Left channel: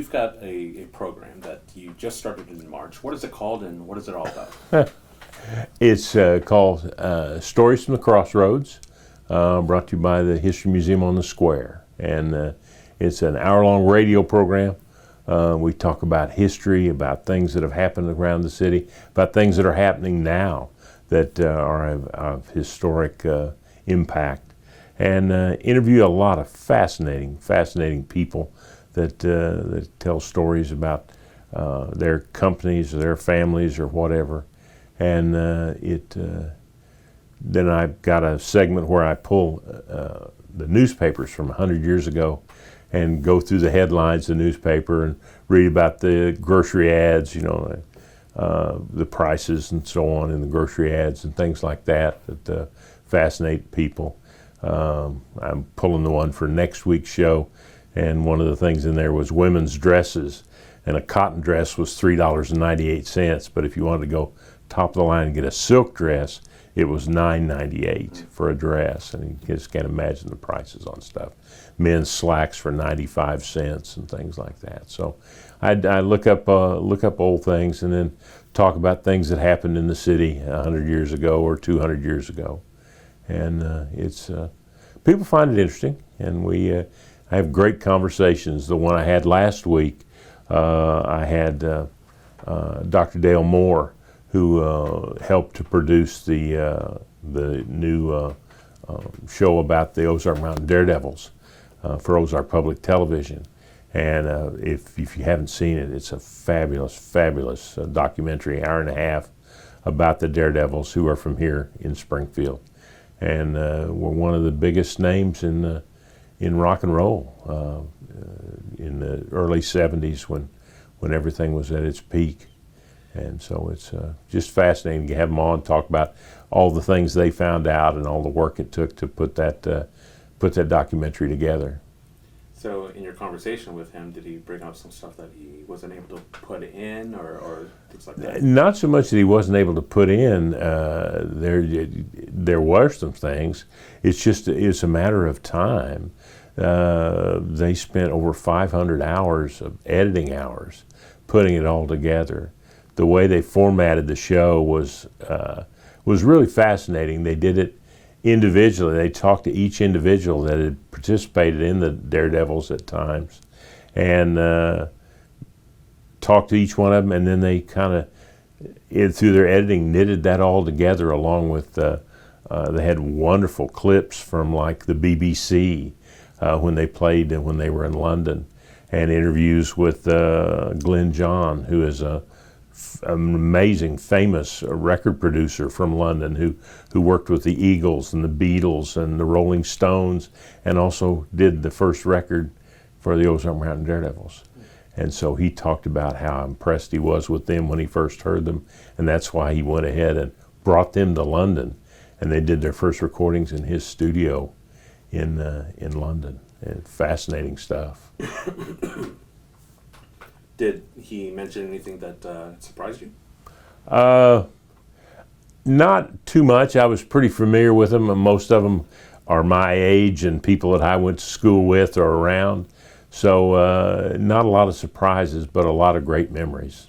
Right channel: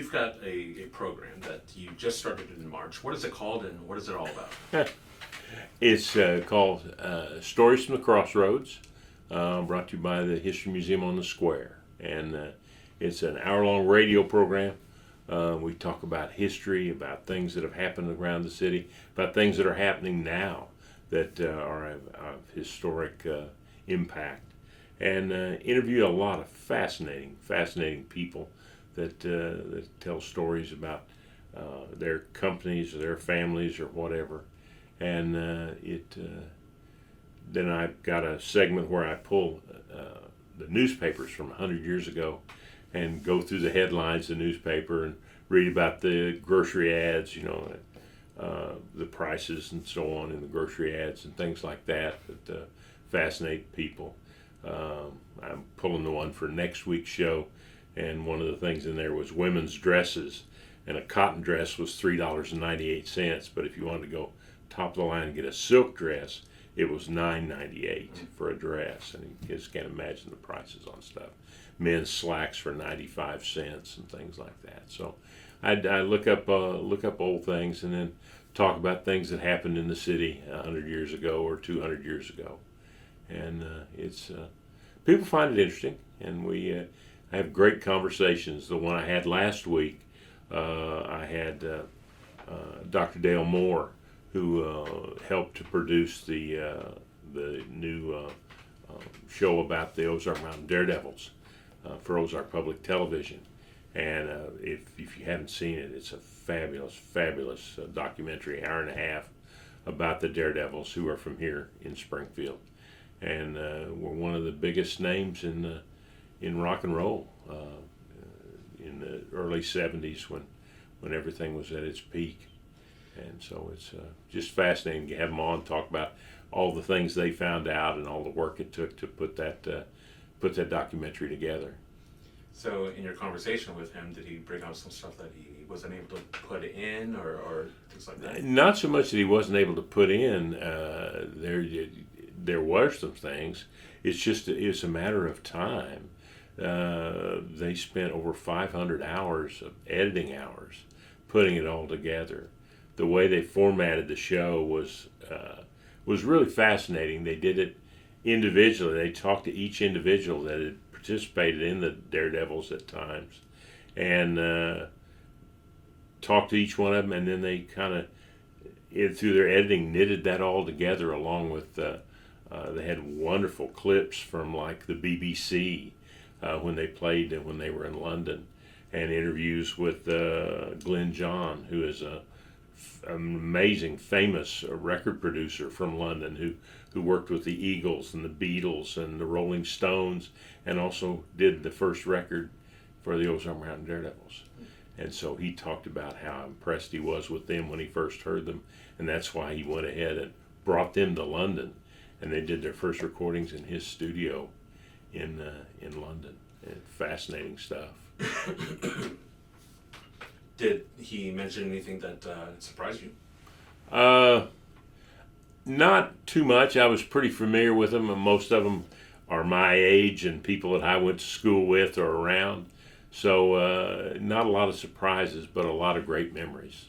you've got a program that you just started in March. What is it called, and what is it all about? It's called Stories from the Crossroads, brought to you by the History Museum on the Square. And it's an hour-long radio program. We talk about history, about things that have happened around the city, about things that are happening now that are of historic impact, and interview a lot of fascinating people that tell stories about their companies or their families or whatever. And then I've got a segment where I pull the newspapers from 100 years ago and go through the headlines of the newspaper and read about the grocery ads, the prices and so on in the grocery ads and things like that fascinate people. I'm pulling the one for next week's show, and one of the things in there was women's dresses, and a cotton dress was $3.98, but if you wanted to go top of the line and get a silk dress, it was $9.98 for a dress, and you just can't imagine the prices on stuff. Men's slacks for 95 cents and things like that. So I look up old things and then talk about things that happened in the city 100 years ago or 200 years ago. And it's people find it interesting, and I have great conversations. The one I had last week, I had Dr. Dale Moore, who helped to produce the new show about the Ozark Mountain Daredevils for Ozark Public Television. And if you haven't seen it, it's a fabulous documentary, hour and a half, about the Daredevils who are from here in Springfield, and were one of the biggest names in rock and roll in the early '70s when everything was at its peak. And so it's just fascinating to have them on, talk about all the things they found out and all the work it took to put that documentary together. So in your conversation with him, did he bring up some stuff that he wasn't able to put in or things like that? Not so much that he wasn't able to put in. There were some things. It's a matter of time. They spent over 500 hours of editing hours putting it all together. The way they formatted the show was really fascinating. They did it individually. They talked to each individual that had participated in the Daredevils at times, and talked to each one of them, and then they kind of, through their editing, knitted that all together along with, they had wonderful clips from like the BBC when they played and when they were in London, and interviews with Glenn John, who is an amazing, famous record producer from London who worked with the Eagles and the Beatles and the Rolling Stones, and also did the first record for the Ozark Mountain Daredevils. And so he talked about how impressed he was with them when he first heard them, and that's why he went ahead and brought them to London, and they did their first recordings in his studio in London. And fascinating stuff. Did he mention anything that surprised you? Not too much. I was pretty familiar with them, and most of them are my age and people that I went to school with or around. So not a lot of surprises, but a lot of great memories.